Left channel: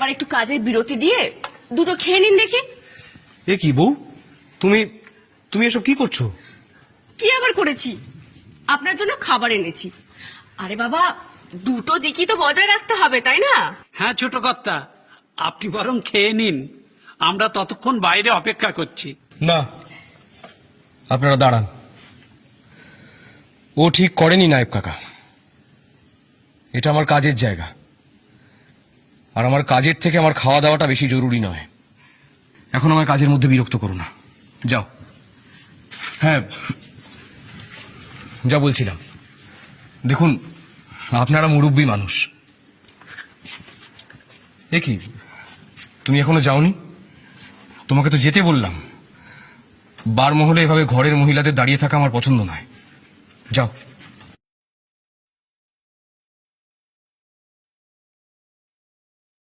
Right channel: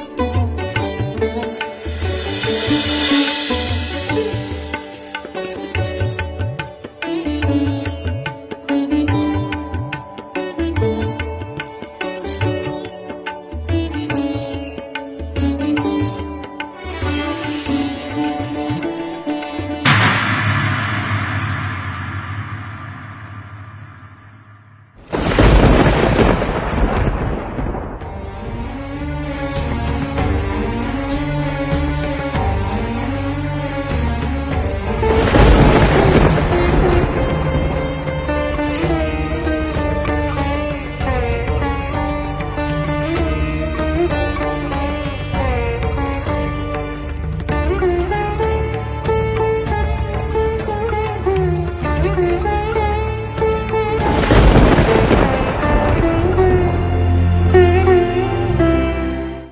আবার একটু কাজের বিরতি দিয়ে দুটো খেয়ে নিন দেখি। এ কি বউ, তুমি তুমি এসব কি করছো? কি আবার করেছি? আপনার জন্য খাবার এনেছি। আরে বাবা, দুটো দিকই তো বজায় রাখতে হবে, তাই না? হ্যাঁ ছোট কর্তা, আপনি বরং খেয়ে নিন, আমরা ততক্ষণ বাইরে অপেক্ষা করছি। না, আপনারা দাঁড়ান। ও ঠিক করেনি নায়েব কাকা। এটা আমার কাজের জায়গা, আর আমার কাজের থেকে আমার খাওয়া দাওয়াটা বেশি জরুরি নয়। এখন আমার কাজের মধ্যে বিরক্ত করো না, যাও। হ্যাঁ, যা বলছি। দেখুন, আপনারা মুরব্বী মানুষ। দেখি, তুমি এখনো যাওনি? তোমাকে তো যেতে বললাম। বারমহলে এভাবে ঘরের মহিলাদের দাঁড়িয়ে থাকা আমার পছন্দ নয়। যাও।